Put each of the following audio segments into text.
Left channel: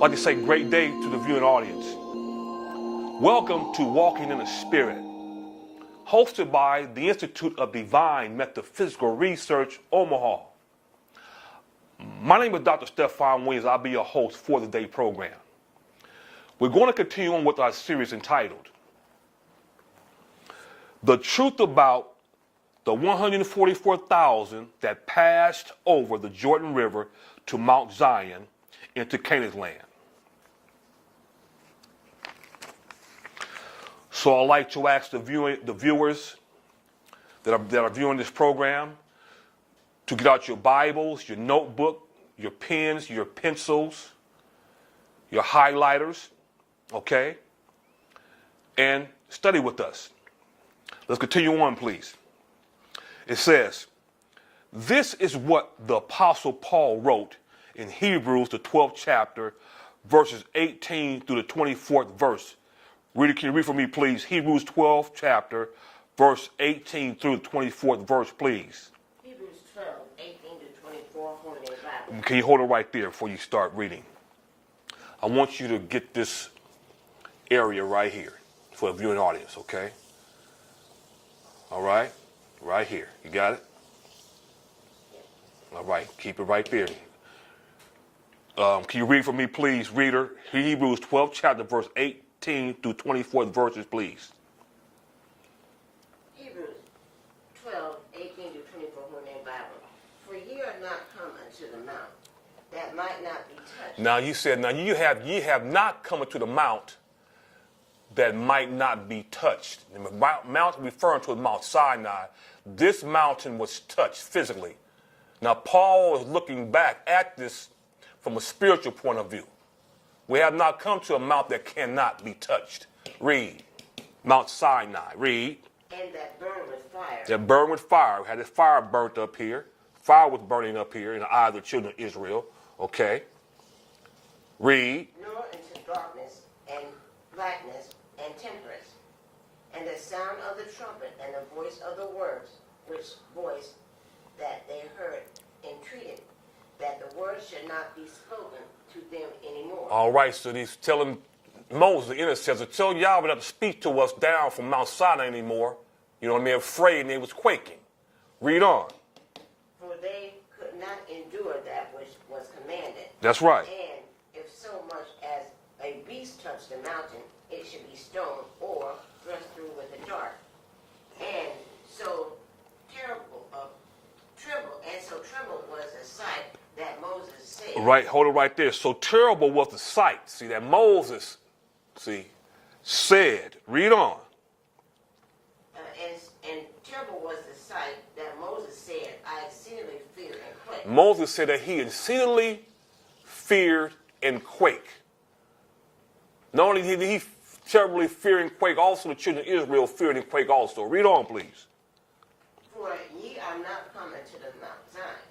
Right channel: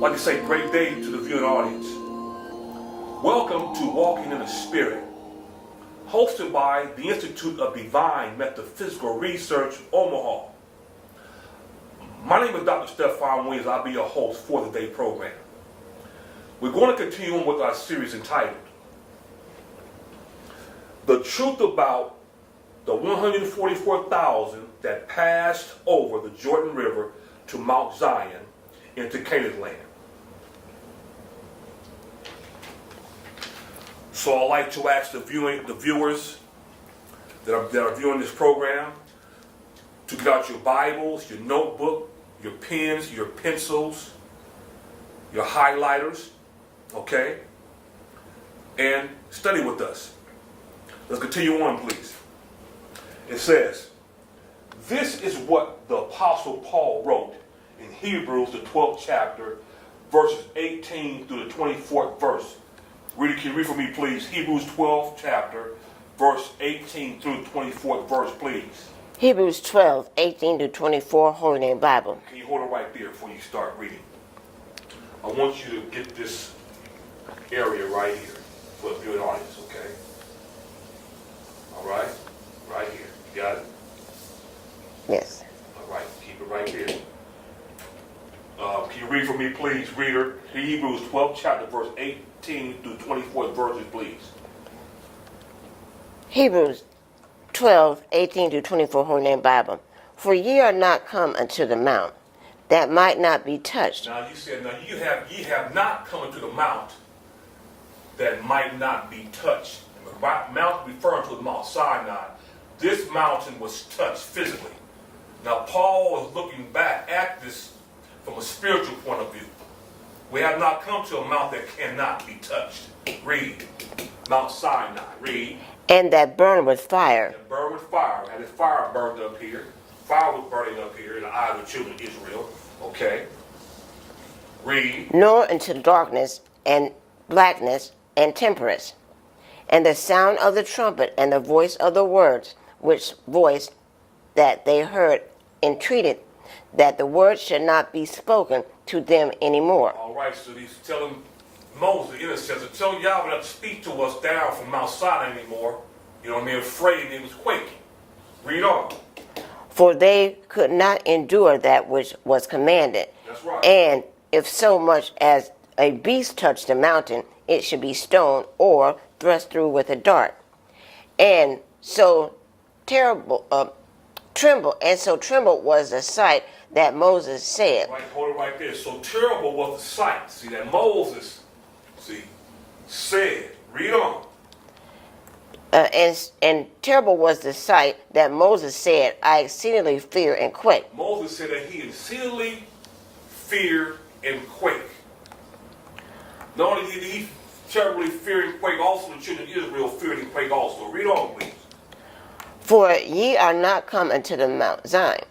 like to say great day to the viewing audience. Welcome to Walking in the Spirit, hosted by the Institute of Divine Metaphysical Research, Omaha. My name is Dr. Stephan Williams. I'll be your host for the day program. We're going to continue on with our series entitled The Truth About the 144,000 that passed over the Jordan River to Mount Zion into Canaan land. So I'd like to ask the viewers that are viewing this program to get out your Bibles, your notebook, your pens, your pencils, your highlighters, okay? And study with us. Let's continue on, please. It says, this is what the Apostle Paul wrote in Hebrews, the 12th chapter, verses 18 through the 24th verse. Reader, can you read for me, please? Hebrews 12th chapter, verse 18 through the 24th verse, please. Hebrews 12, 18 to 24, Holy Name Bible. Can you hold it right there before you start reading? I want you to get this area right here for the viewing audience, okay? All right? Right here. You got it? Yes. All right. Keep it right there. Can you read for me, please, reader? Hebrews 12th chapter, verse 18 through 24 verses, please. Hebrews 12, 18 to 24, Holy Name Bible. For ye are not come unto the mount that might not be touched. Now you said, now ye have not come unto the mount that might not be touched. The mountain referring to Mount Sinai. This mountain was touched physically. Now Paul is looking back at this from a spiritual point of view. We have not come to a mount that cannot be touched. Read. Mount Sinai. Read. And that burned with fire. That burned with fire. We had this fire burnt up here. Fire was burning up here in the eyes of the children of Israel. Okay. Read. Nor into darkness and blackness and temperance. And the sound of the trumpet and the voice of the words, which voice that they heard entreated that the words should not be spoken to them anymore. All right, so he's telling Moses, the intercessor, tell Yahweh not to speak to us down from Mount Sinai anymore. You know what I mean? Afraid, and they was quaking. Read on. For they could not endure that which was commanded. That's right. And if so much as a beast touched the mountain, it should be stoned or thrust through with a dart. And so trembled was the sight that Moses said. Right, hold it right there. So terrible was the sight. See, that Moses, said. Read on. And terrible was the sight that Moses said, I exceedingly fear and quake. Moses said that he exceedingly feared and quake. Not only did he terribly fear and quake, also the children of Israel feared and quake also. Read on, please. For ye are not come unto the Mount Zion.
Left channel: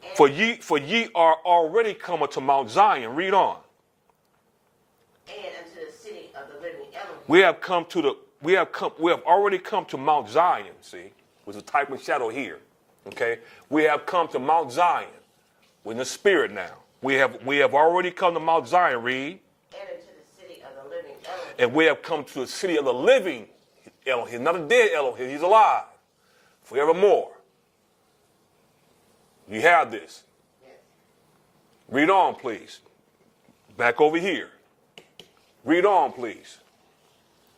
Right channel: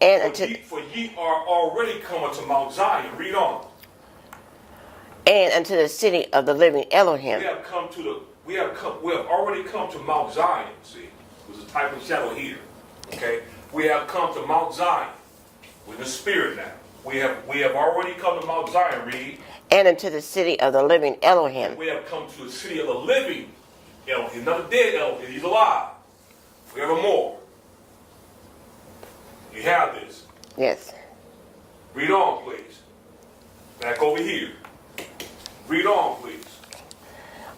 And for ye are already come unto Mount Zion. Read on. And unto the city of the living Elohim. We have already come to Mount Zion, see, with a type of shadow here. Okay? We have come to Mount Zion. We're in the spirit now. We have already come to Mount Zion, read. And unto the city of the living Elohim. And we have come to the city of the living Elohim, not a dead Elohim, he's alive. Forevermore. You have this. Yes. Read on, please. Back over here. Read on, please.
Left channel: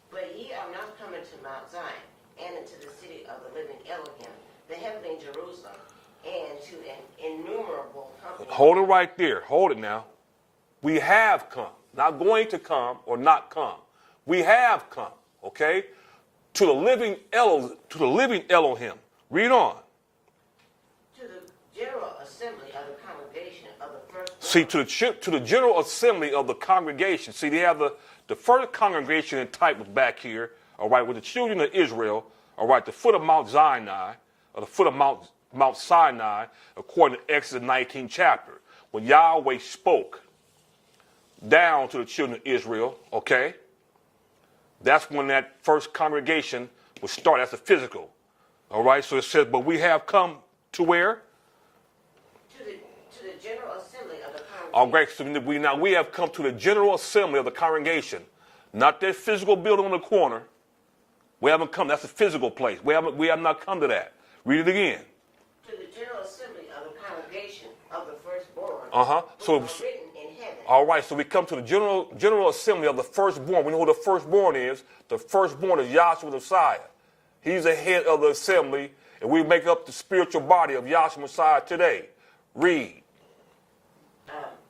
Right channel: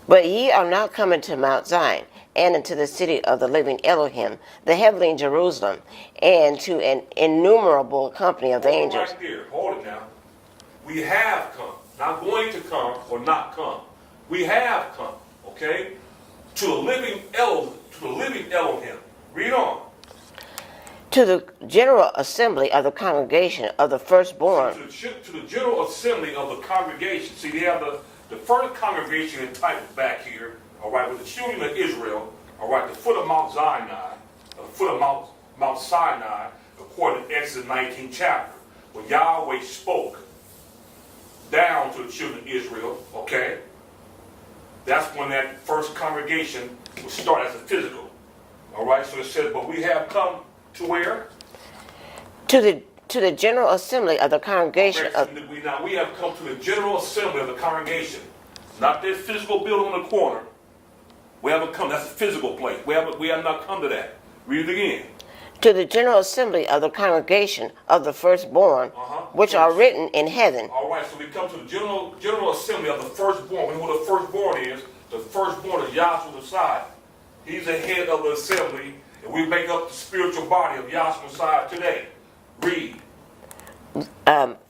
But ye are not coming to Mount Zion, and unto the city of the living Elohim, the heavenly Jerusalem, and to an innumerable company of angels. Hold it right there. Hold it now. We have come. Not going to come or not come. We have come, okay? To the living Elohim. Read on. To the general assembly of the congregation of the firstborn. See, to the general assembly of the congregation. See, they have the first congregation in type back here, all right, with the children of Israel, all right, the foot of Mount Zion, or the foot of Mount Sinai, according to Exodus 19 chapter, when Yahweh spoke down to the children of Israel, okay, that's when that first congregation would start. That's the physical. All right, so it says, but we have come to where? To to the general assembly of the All congregation right, of so we have come to the general assembly of the congregation. Not that physical building on the corner. We haven't come. That's a physical place. We have not come to that. Read it again. to the general assembly of the congregation of the firstborn, which So are written in heaven. All right, so we come to the general assembly of the firstborn. We know who the firstborn is. The firstborn is Yahshua the Messiah. He's the head of the assembly, and we make up the spiritual body of Yahshua Messiah today. Read.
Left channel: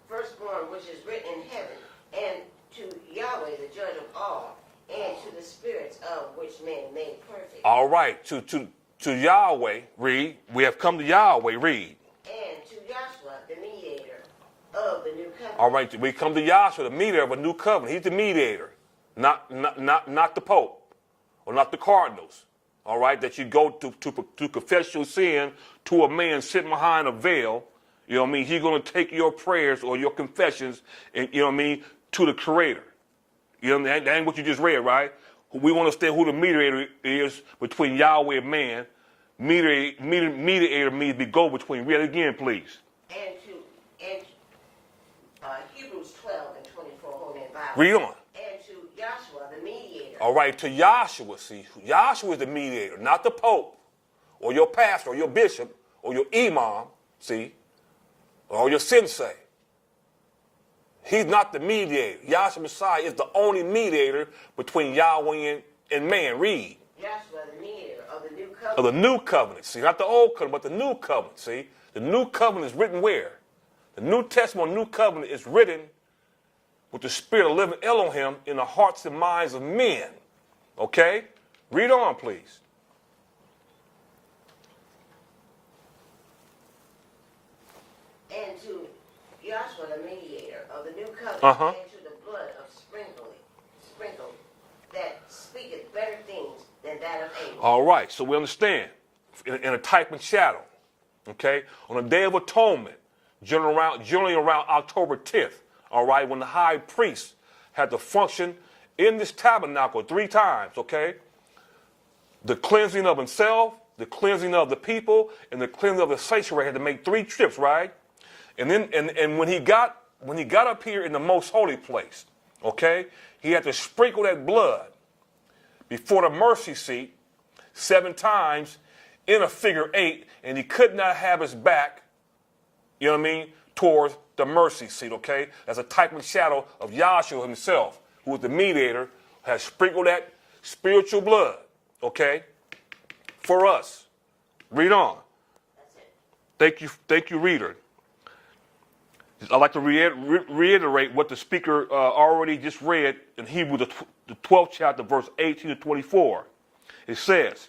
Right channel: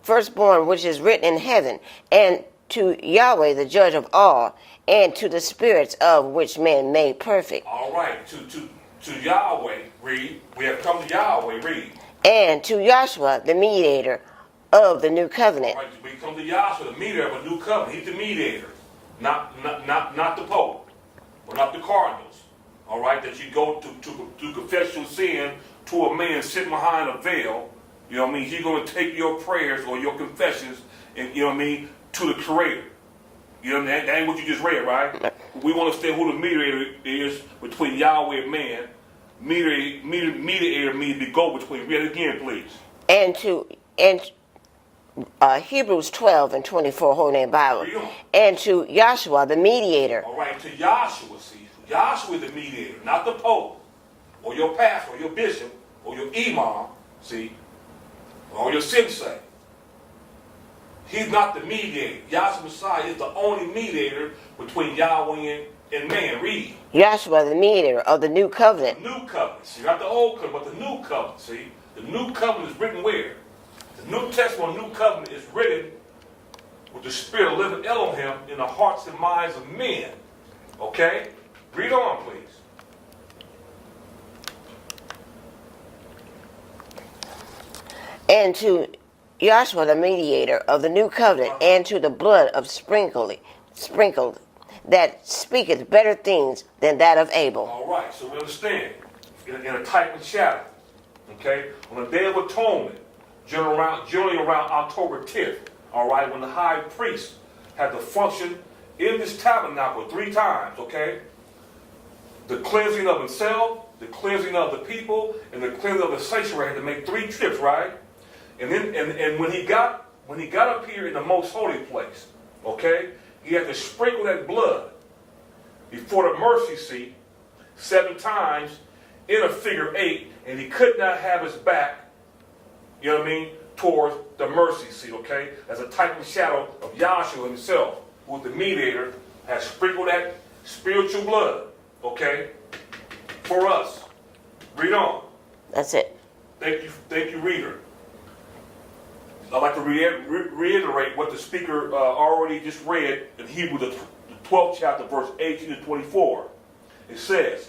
Firstborn, which is written in heaven, and to Yahweh, the judge of all, and to the spirits of which men made perfect. All right, to Yahweh, read. We have come to Yahweh, read. And to Joshua, the mediator of the new covenant. All right, we come to Yahshua, the mediator of a new covenant. He's the mediator, not the Pope, or not the cardinals. All right, that you go to confess your sin to a man sitting behind a veil. You know what I mean? He's going to take your prayers or your confessions, and you know what I mean, to the Creator. You know, that ain't what you just read, right? We want to understand who the mediator is between Yahweh and man. Mediator means to go between. Read it again, please. And Hebrews 12 and 24, Holy Name Bible. Read on. And to Joshua, the mediator. All right, to Yahshua, see. Yahshua is the mediator, not the Pope, or your pastor, or your bishop, or your imam, see, or your sensei. He's not the mediator. Yahshua Messiah is the only mediator between Yahweh and man. Read. Joshua, the mediator of the new covenant. Of the new covenant. See, not the old covenant, but the new covenant. See, the new covenant is written where? The New Testament, New Covenant is written with the Spirit of living Elohim in the hearts and minds of men. Okay? Read on, please. And to Joshua, the mediator of the new covenant, and to the blood of sprinkled, that speaketh better things than that of Abel. All right, so we understand. In a type and shadow. Okay? On the Day of Atonement, generally around October 10th, all right, when the high priest had to function in this tabernacle 3 times, okay? The cleansing of himself, the cleansing of the people, and the cleansing of the sanctuary had to make 3 trips, right? And then and when he got up here in the most holy place, okay, he had to sprinkle that blood before the mercy seat 7 times in a figure 8, and he could not have his back, you know what I mean, towards the mercy seat, okay? As a type and shadow of Yahshua himself, who was the mediator, has sprinkled that spiritual blood, okay, for us. Read on. That's it. Thank you, reader. I'd like to reiterate what the speaker already just read in Hebrews, the 12th chapter, verse 18 to 24. It says,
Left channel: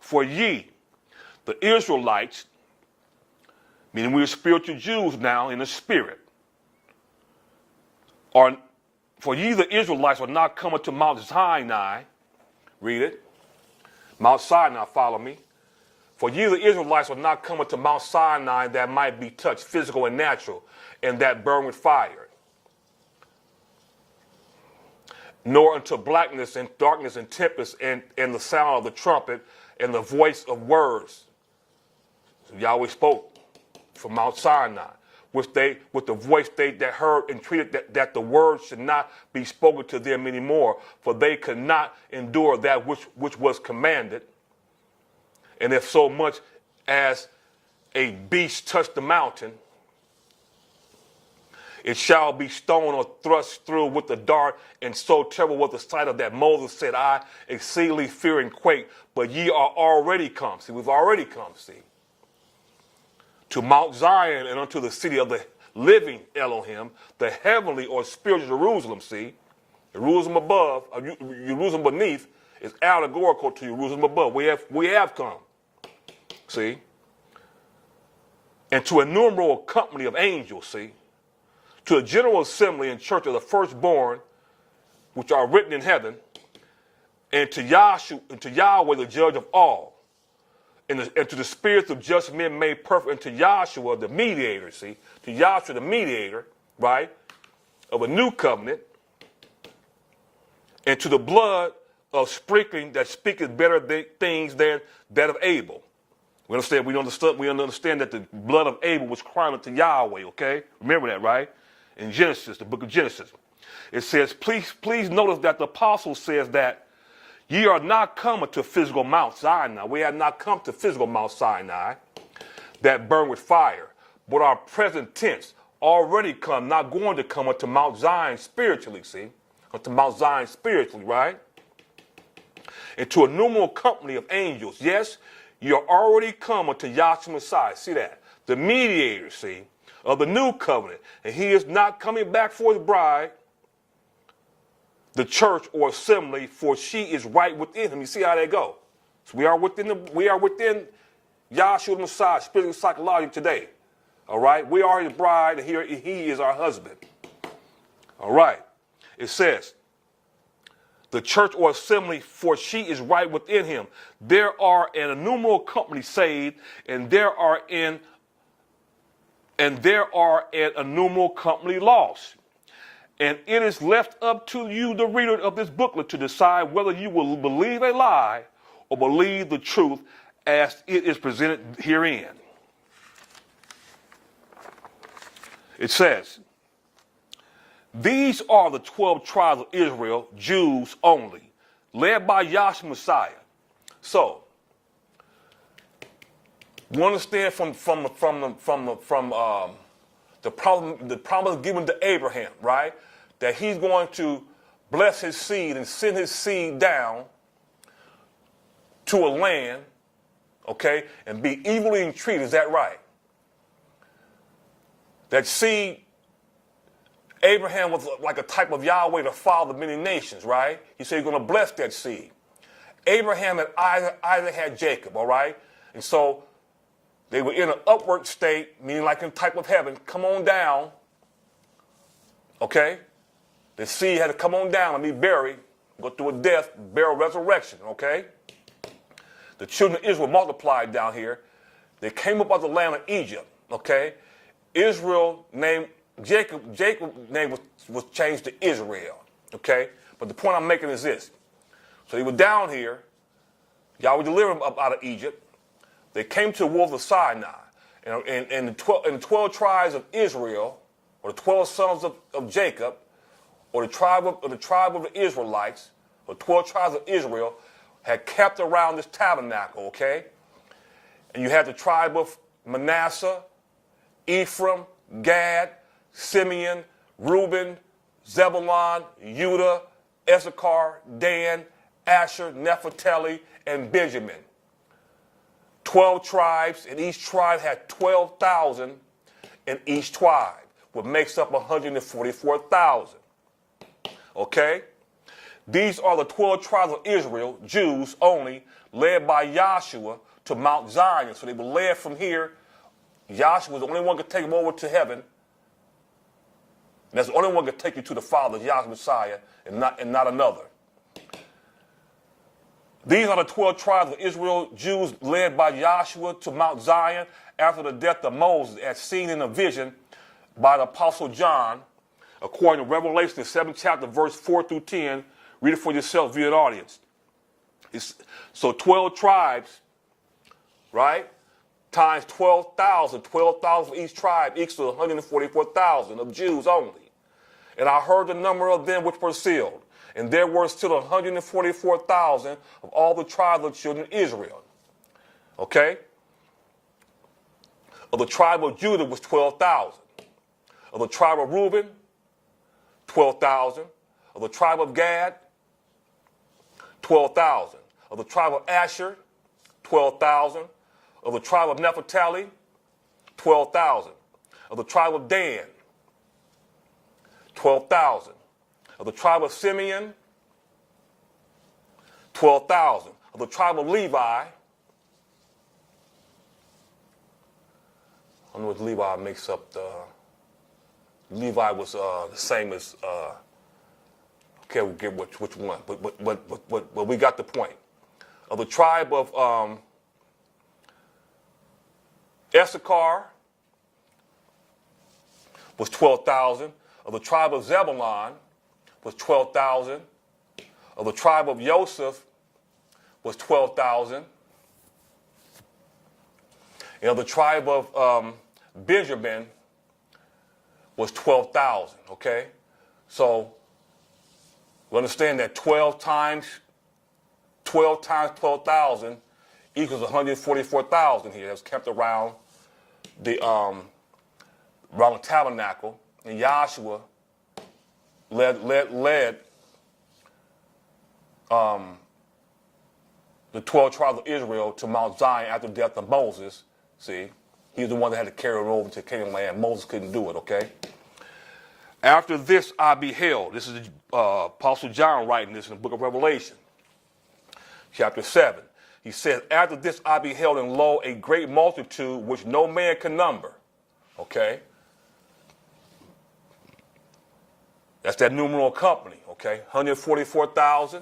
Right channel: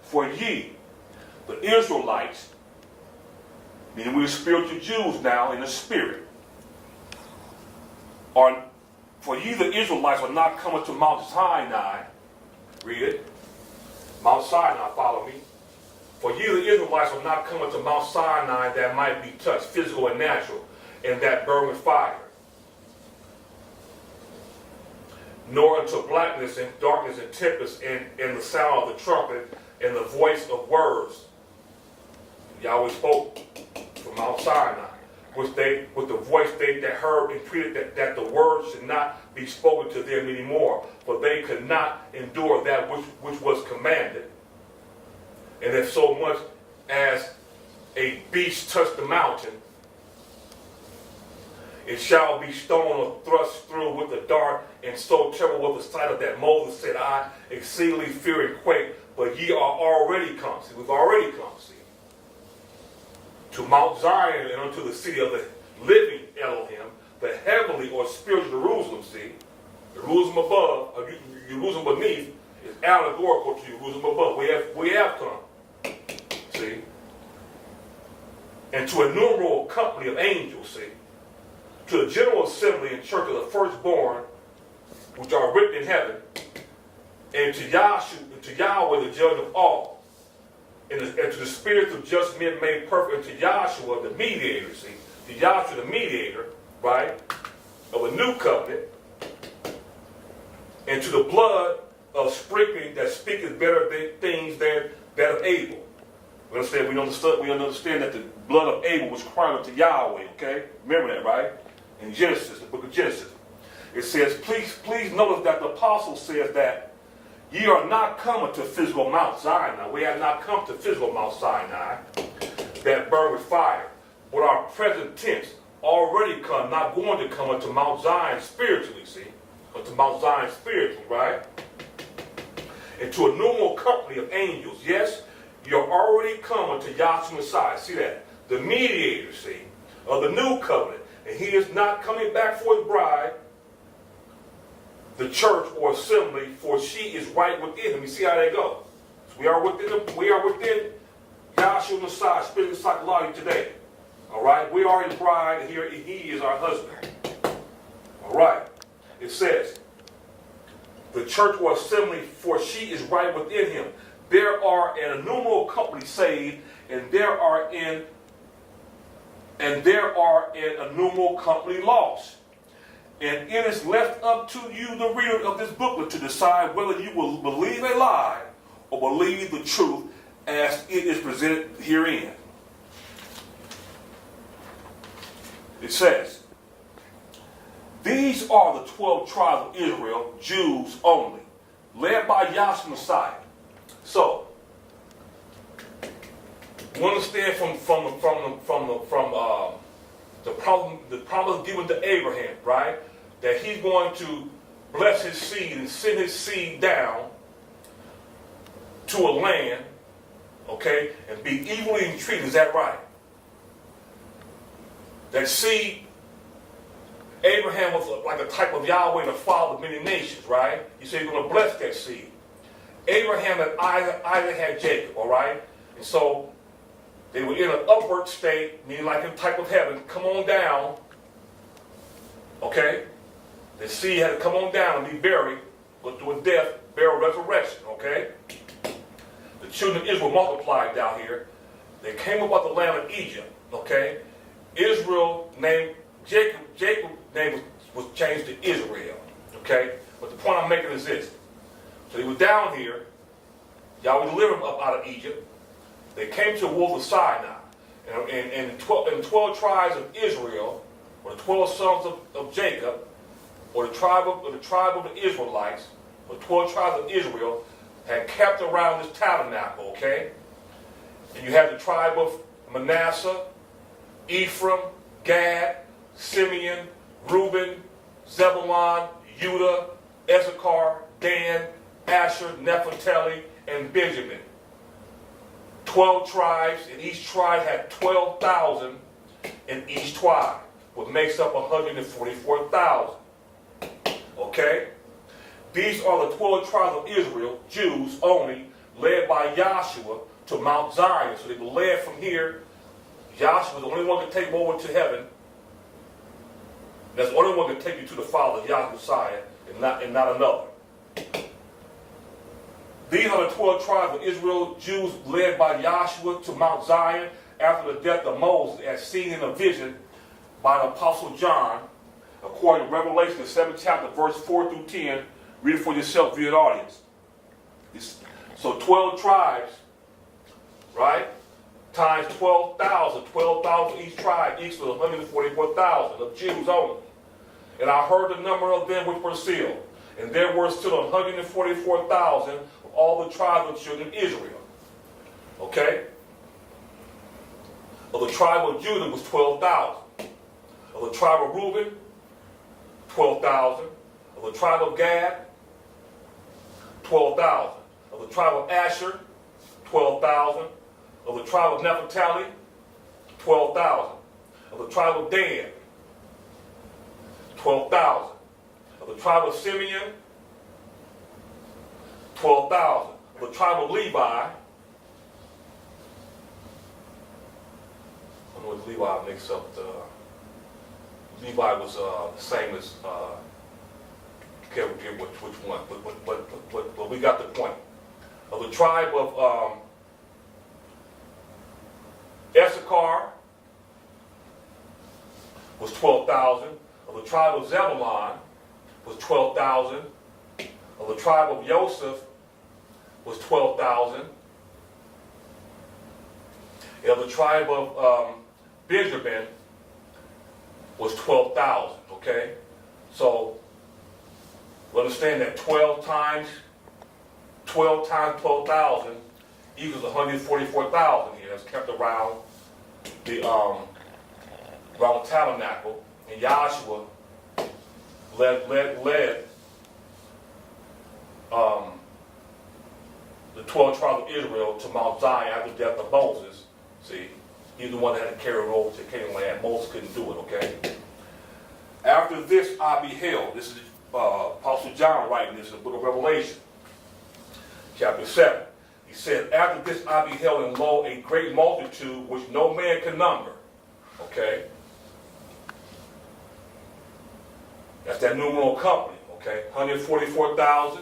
"For ye, the Israelites," meaning we're spiritual Jews now in the spirit, "for ye, the Israelites, are not coming to Mount Sinai." Read it. Mount Sinai, follow me. "For ye, the Israelites, are not coming to Mount Sinai that might be touched, physical and natural, and that burn with fire, nor unto blackness and darkness and tempest and the sound of the trumpet and the voice of words." Yahweh spoke from Mount Sinai, with the voice that heard and treated that the words should not be spoken to them anymore, for they could not endure that which was commanded. And if so much as a beast touch the mountain, it shall be stoned or thrust through with the dart, and so terrible was the sight of that Moses said, "I exceedingly fear and quake, but ye are already come." See, we've already come, see, to Mount Zion and unto the city of the living Elohim, the heavenly or spiritual Jerusalem, see. Jerusalem above, Jerusalem beneath is allegorical to Jerusalem above. We have come, see. And to a innumerable company of angels, see. To the general assembly and church of the firstborn, which are written in heaven, and to Yahweh, the judge of all, and to the spirits of just men made perfect, and to Yahshua, the mediator, see, to Yahshua, the mediator, right, of a new covenant, and to the blood of sprinkling that speaketh better things than that of Abel. We understand that the blood of Abel was crying unto Yahweh, okay? Remember that, right? In Genesis, the book of Genesis. It says, please notice that the apostle says that ye are not come to physical Mount Sinai. We have not come to physical Mount Sinai that burn with fire. But our present tense already come, not going to come unto Mount Zion spiritually, see? Unto Mount Zion spiritually, right? And to a numerable company of angels. Yes, you're already come unto Yahshua Messiah. See that? The mediator, see, of the new covenant. And he is not coming back for his bride, the church or assembly, for she is right within him. You see how that goes? So we are within Yahshua Messiah, spiritually, psychologically today. All right? We are his bride, and here he is our husband. All right? It says, the church or assembly, for she is right within him. There are an innumerable company saved, and there are an innumerable company lost. And it is left up to you, the reader of this booklet, to decide whether you will believe a lie or believe the truth as it is presented herein. It says, these are the 12 tribes of Israel, Jews only, led by Yahshua Messiah. So, you understand from the promise given to Abraham, right? That he's going to bless his seed and send his seed down to a land, okay, and be evilly treated. Is that right? That seed, Abraham was like a type of Yahweh, the father of many nations, right? He said he's going to bless that seed. Abraham and Isaac had Jacob, all right? And so they were in an upward state, meaning like in the type of heaven, come on down, okay? The seed had to come on down and be buried, go through a death, burial, resurrection, okay? The children of Israel multiplied down here. They came up out of the land of Egypt, okay? Israel named Jacob's name was changed to Israel, okay? But the point I'm making is this. So they were down here. Yahweh delivered them up out of Egypt. They came to the wilderness of Sinai. And the 12 tribes of Israel, or the 12 sons of Jacob, or the tribe of the Israelites, or 12 tribes of Israel, had kept around this tabernacle, okay? And you had the tribe of Manasseh, Ephraim, Gad, Simeon, Reuben, Zebulun, Judah, Issachar, Dan, Asher, Naphtali, and Benjamin. 12 tribes, and each tribe had 12,000 in each tribe, what makes up 144,000. Okay? These are the 12 tribes of Israel, Jews only, led by Yahshua to Mount Zion. So they were led from here. Yahshua was the only one who could take them over to heaven. That's the only one who could take you to the Father, Yahweh Messiah, and not another. These are the 12 tribes of Israel, Jews led by Yahshua to Mount Zion after the death of Moses, as seen in a vision by the Apostle John, according to Revelation, the 7th chapter, verse 4 through 10. Read it for yourself, viewing audience. So 12 tribes, right, times 12,000. 12,000 each tribe equals 144,000 of Jews only. And I heard the number of them which were sealed. And there were still 144,000 of all the tribes of children of Israel. Okay? Of the tribe of Judah was 12,000. Of the tribe of Reuben, 12,000. Of the tribe of Gad, 12,000. Of the tribe of Asher, 12,000. Of the tribe of Naphtali, 12,000. Of the tribe of Dan, 12,000. Of the tribe of Simeon, 12,000. Of the tribe of Levi, I don't know what Levi makes up the... Levi was the same as... can't remember which one, but we got the point. Of the tribe of Issachar was 12,000. Of the tribe of Zebulun was 12,000. Of the tribe of Joseph was 12,000. And of the tribe of Benjamin was 12,000, okay? So we understand that 12 times 12,000 equals 144,000 here. It's kept around the tabernacle. And Joshua led the 12 tribes of Israel to Mount Zion after the death of Moses. See, he's the one that had to carry it over to Canaan land. Moses couldn't do it, okay? After this I beheld. This is Apostle John writing this in the book of Revelation, chapter 7. He said, after this I beheld, and lo, a great multitude which no man can number. Okay? That's that numeral company, okay? 144,000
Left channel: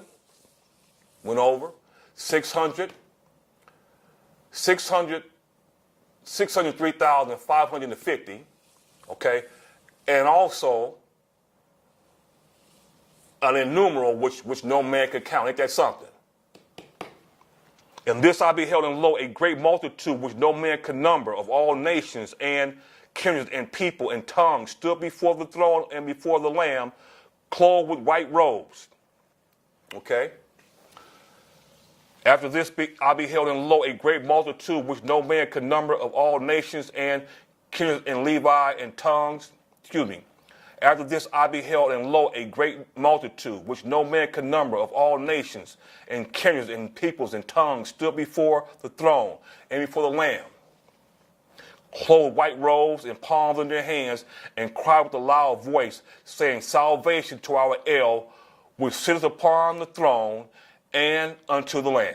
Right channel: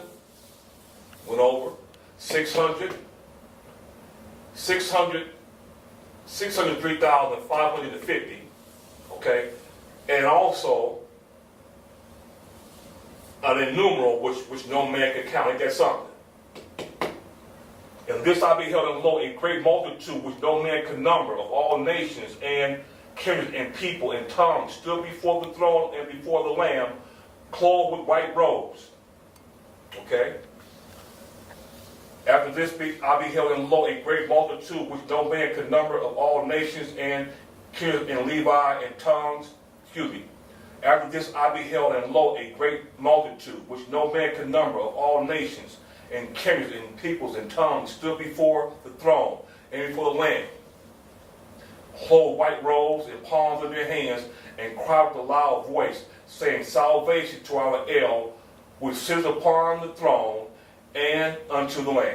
went over. 603,550, okay? And also an innumerable which no man can count. Ain't that something? And this I beheld, and lo, a great multitude which no man can number, of all nations and kindreds and people and tongues, stood before the throne and before the Lamb, clothed with white robes. Okay? After this I beheld, and lo, a great multitude which no man could number, of all nations and kindreds and Levi and tongues. After this I beheld, and lo, a great multitude which no man could number, of all nations and kindreds and peoples and tongues, stood before the throne and before the Lamb, clothed with white robes and palms in their hands, and cried with a loud voice, saying, salvation to our El, which sitteth upon the throne, and unto the Lamb.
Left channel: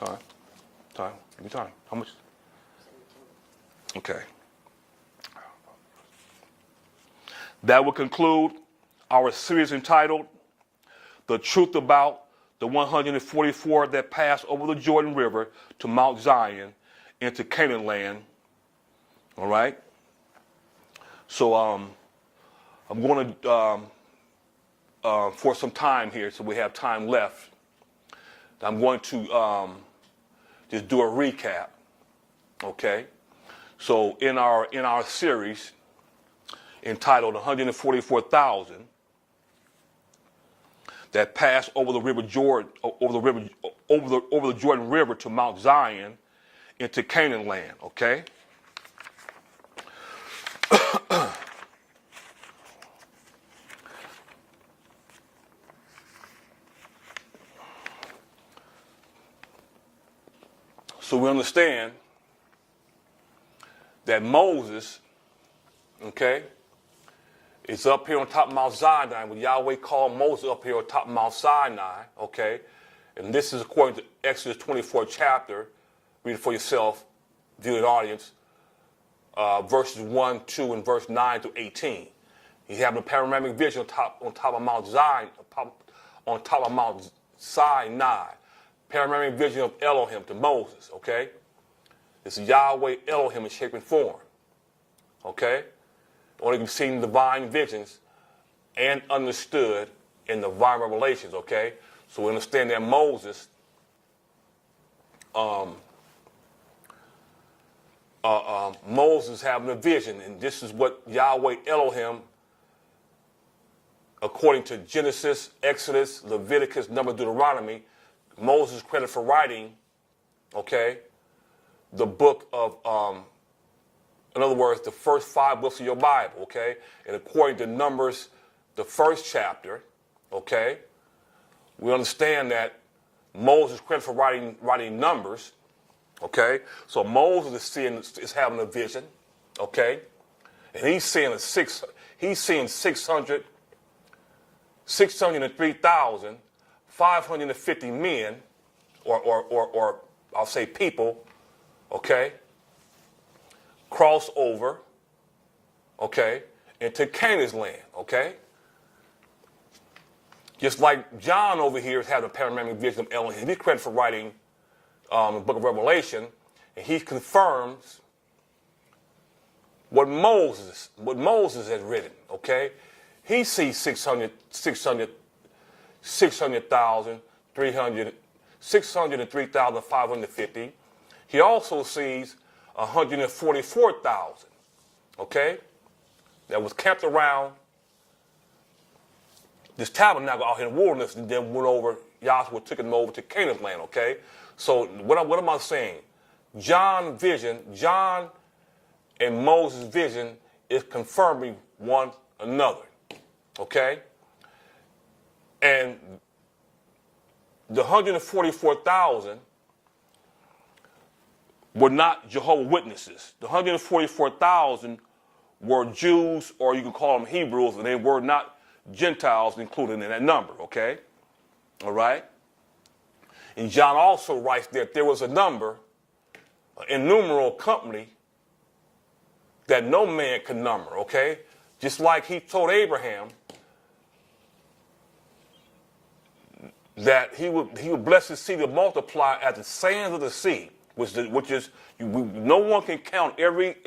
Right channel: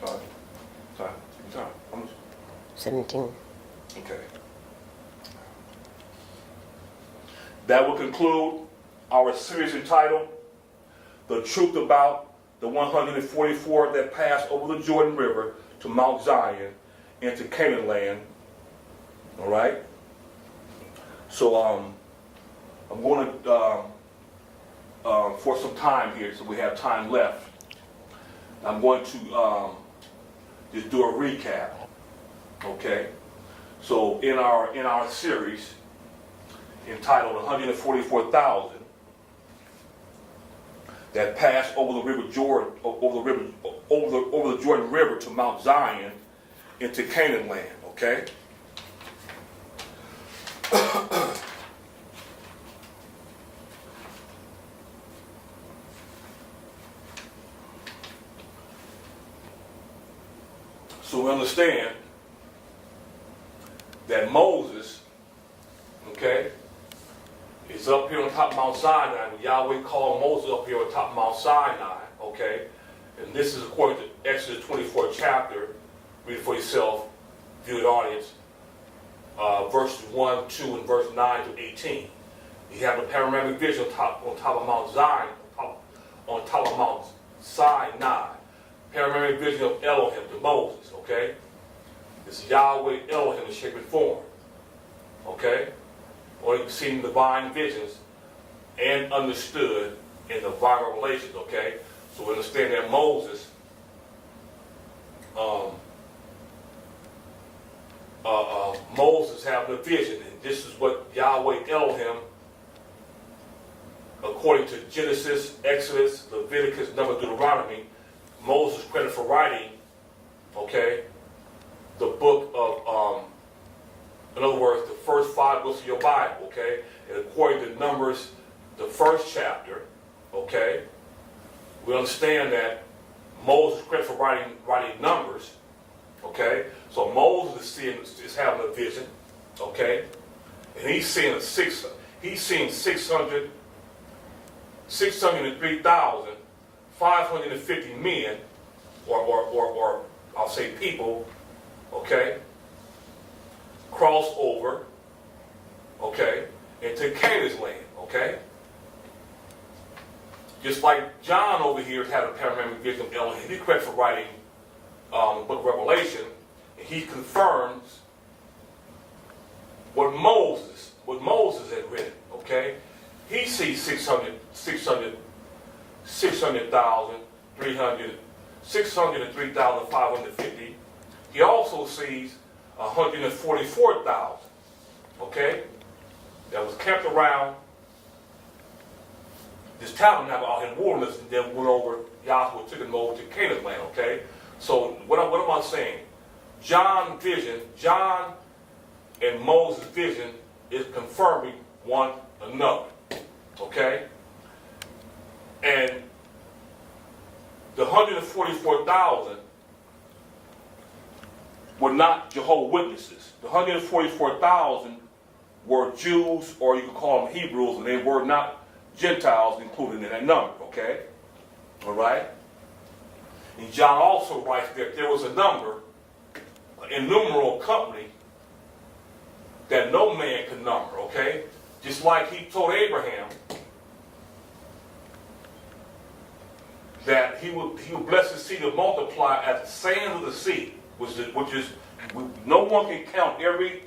Time. Give me time. How much? 17. Okay. That will conclude our series entitled The Truth About the 144 that passed over the Jordan River to Mount Zion into Canaan land. All right? So I'm going to, for some time here, so we have time left, I'm going to just do a recap. Okay? So in our series entitled 144,000 that passed over the river Jordan, over the Jordan River to Mount Zion into Canaan land. Okay. So we understand that Moses, okay, is up here on top of Mount Sinai. When Yahweh called Moses up here on top of Mount Sinai, okay, and this is according to Exodus 24 chapter. Read it for yourself, viewing audience, verses 1, 2, and verse 9 to 18. You have the panoramic vision on top of Mount Zion, on top of Mount Sinai. Panoramic vision of Elohim to Moses, okay? It's Yahweh Elohim in shape and form, okay? Only can see in divine visions and understood in divine revelations, okay? So we understand that Moses Moses having a vision, and this is what Yahweh Elohim, according to Genesis, Exodus, Leviticus, Numbers, Deuteronomy, Moses credited for writing, okay, the book of, in other words, the first 5 books of your Bible, okay? And according to Numbers, the first chapter, okay, we understand that Moses credited for writing Numbers, okay? So Moses is having a vision, okay? And he's seeing 603,550 men, or I'll say people, okay, cross over, okay, into Canaan's land, okay? Just like John over here has had a panoramic vision of Elohim. He's credited for writing the book of Revelation, and he confirms what Moses had written, okay? He sees 603,550. he also sees 144,000, okay, that was camped around this tabernacle out here in the wilderness, and then went over, Yahweh took them over to Canaan's land, okay? So what am I saying? John's vision, John and Moses' vision is confirming one another, okay? And the 144,000 were not Jehovah's Witnesses. The 144,000 were Jews, or you could call them Hebrews, and they were not Gentiles included in that number, okay? All right? And John also writes that there was a number, an innumerable company, that no man could number, okay? Just like he told Abraham that he would bless his seed and multiply as the sands of the sea, which is no one can count every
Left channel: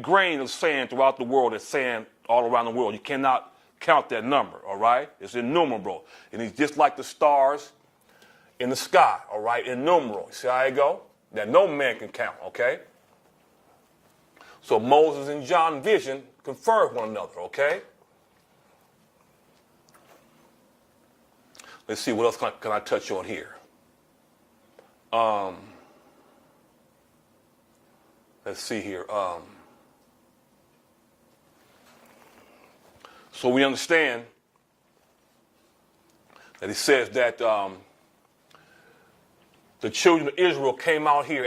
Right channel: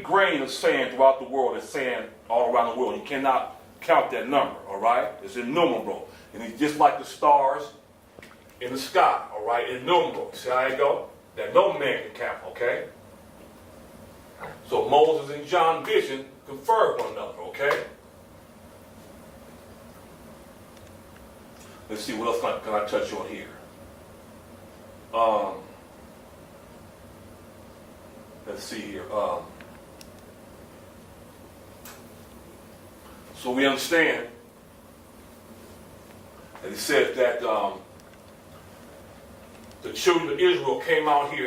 grain of sand throughout the world. That's sand all around the world. You cannot count that number, all right? It's innumerable. And it's just like the stars in the sky, all right? Innumerable. See how I go? That no man can count, okay? So Moses and John's vision conferred one another, okay? Let's see, what else can I touch on here? Let's see here. So we understand that it says that the children of Israel came out here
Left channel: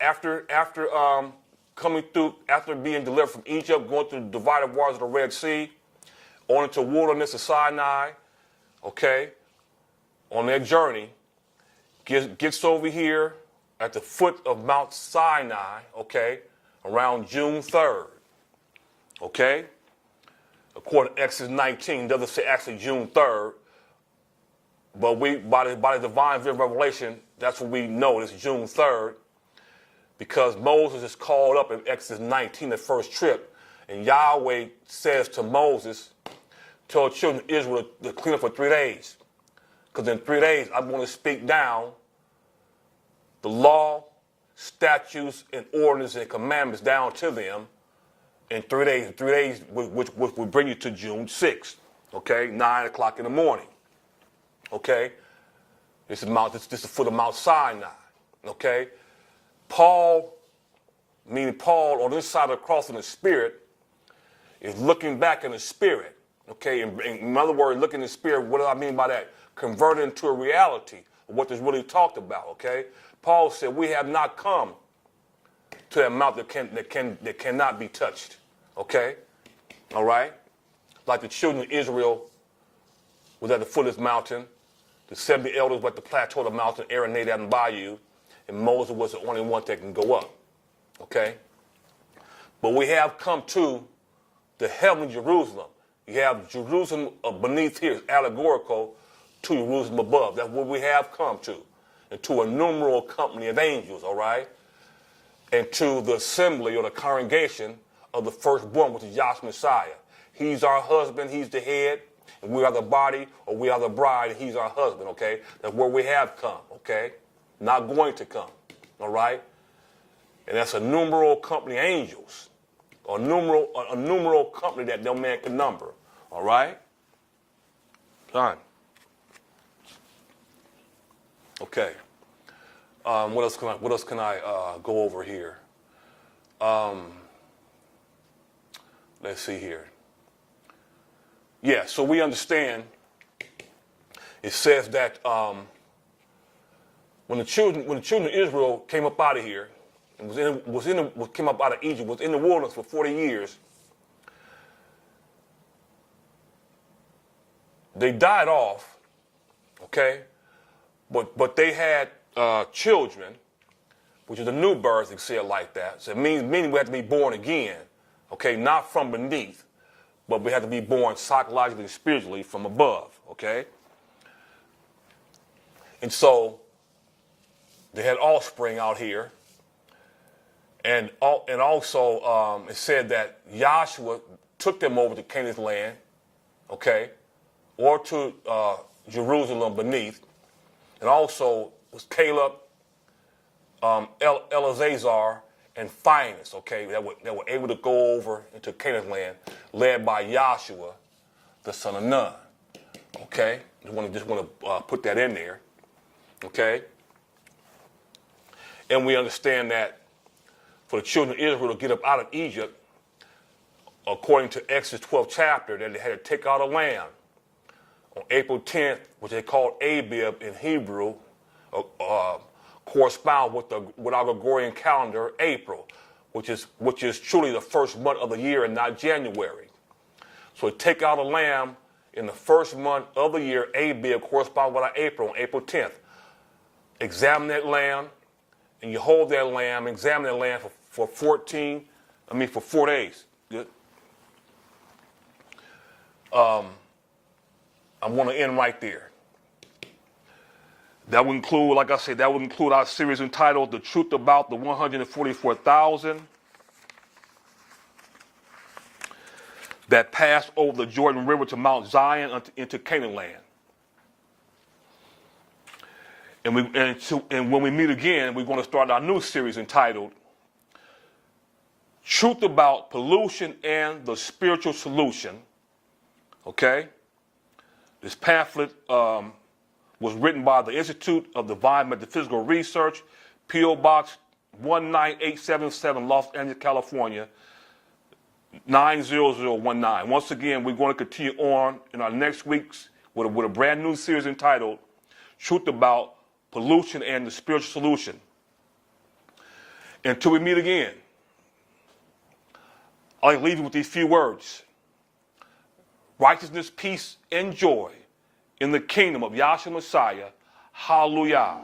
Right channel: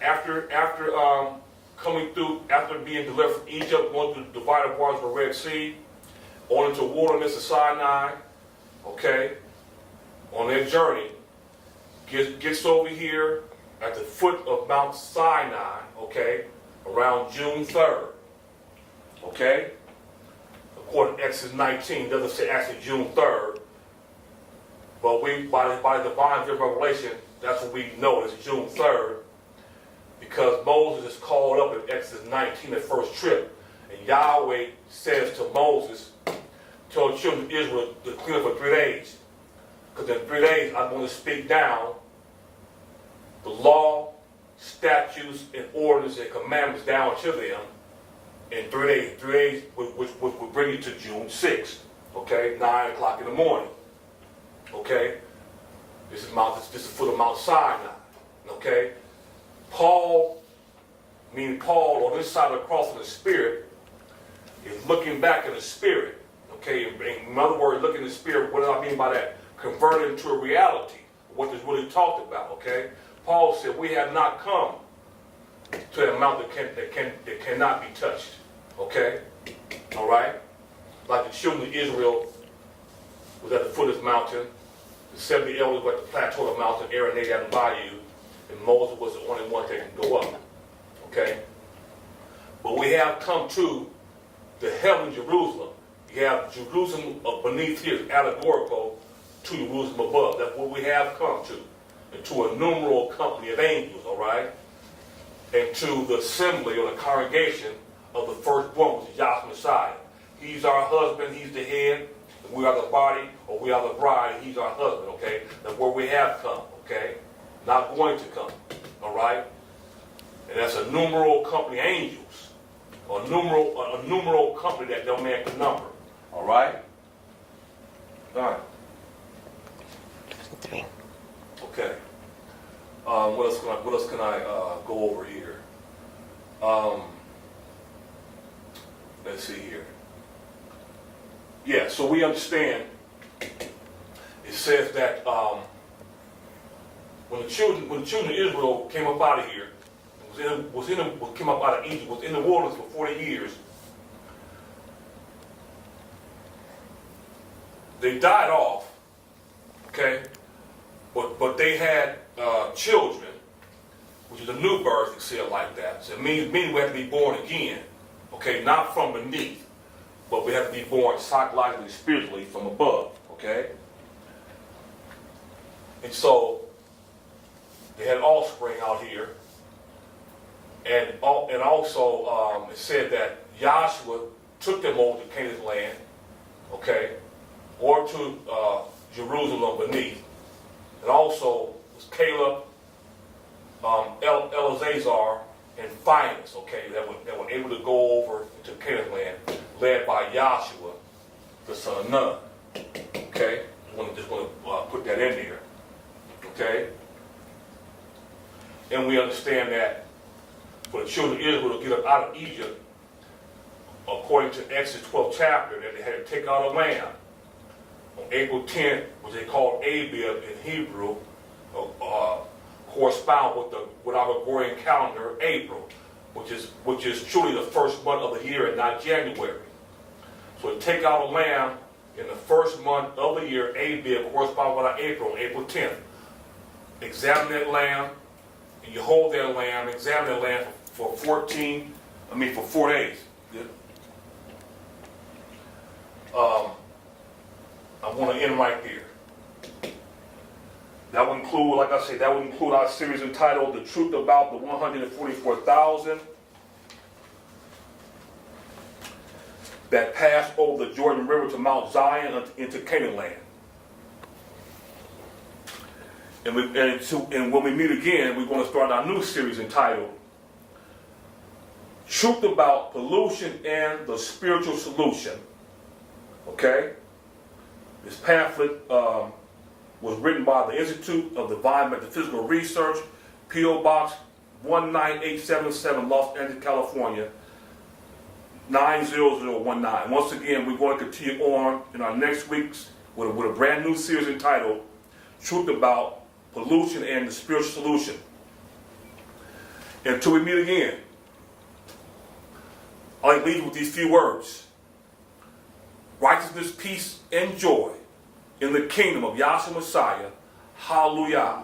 after coming through, after being delivered from Egypt, going through the divided waters of the Red Sea, on into the wilderness of Sinai, okay, on their journey, gets over here at the foot of Mount Sinai, okay, around June 3rd, okay? According to Exodus 19, it doesn't say actually June 3rd, but by the divine revelation, that's what we know, it's June 3rd, because Moses is called up in Exodus 19, the first trip, and Yahweh says to Moses, tell the children of Israel to clean up for 3 days, because in 3 days I want to speak down the law, statutes, and ordinances and commandments down to them in 3 days. 3 days, which will bring you to June 6th, okay, 9 o'clock in the morning, okay. This is the foot of Mount Sinai, okay. Paul, on this side of the cross in the Spirit, is looking back in the Spirit, okay. In other words, looking in the Spirit. What do I mean by that? Converted into a reality. What is really talked about, okay. Paul said, we have not come to that mountain that cannot be touched. Okay? All right? Like the children of Israel was at the foot of this mountain. The 70 elders were at the plateau of the mountain, Aaron, Nadab, and Abihu, and Moses was the only one that can go up. Okay? But we have come to the heavenly Jerusalem. You have Jerusalem beneath here is allegorical to Jerusalem above. That's what we have come to. And to a numeral company of angels, all right? And to the assembly or the congregation of the firstborn, which is Yahweh Messiah. He's our husband, he's the head, and we are the body, or we are the bride, and he's our husband, okay? That's where we have come, okay? Not going to come, all right? And that's a numeral company of angels. A numeral company that no man can number, all right? All right. 3. Okay. What else can I go over here? Let's see here. Yeah, so we understand. It says that when the children of Israel came up out of here, and came up out of Egypt, was in the wilderness for 40 years. They died off. Okay. But they had children, which is a new birth, you say it like that. So it means we have to be born again, okay? Not from beneath, but we have to be born psychologically, spiritually from above, okay? And so they had offspring out here, and also it said that Joshua took them over to Canaan's land, okay, or to Jerusalem beneath. And also, Caleb, Eleazar and Phinehas, okay, that were able to go over into Canaan land, led by Joshua, the son of Nun. Okay, just want to put that in there. Okay, and we understand that for the children of Israel to get up out of Egypt, according to Exodus 12th chapter, that they had to take out a lamb on April 10th, which they called Abib in Hebrew, correspond with our Gregorian calendar, April, which is truly the first month of the year and not January. So to take out a lamb in the first month of the year, Abib, corresponds with our April, on April 10th. Examine that lamb, and you hold that lamb, examine that lamb for 4 days. Good. I want to end right there. That would include, like I said, our series entitled The Truth About the 144,000 that passed over the Jordan River to Mt.Zion into Canaan land. And when we meet again, we're going to start our new series entitled Truth About Pollution and the Spiritual Solution. Okay? This pamphlet was written by the Institute of Divine Metaphysical Research, P.O. Box 19877, Los Angeles, California, 90019. Once again, we're going to continue on in our next week's with a brand new series entitled Truth About Pollution and the Spiritual Solution. Until we meet again, I'll leave you with these few words. Righteousness, peace, and joy in the kingdom of Yahshua Messiah. Hallelujah.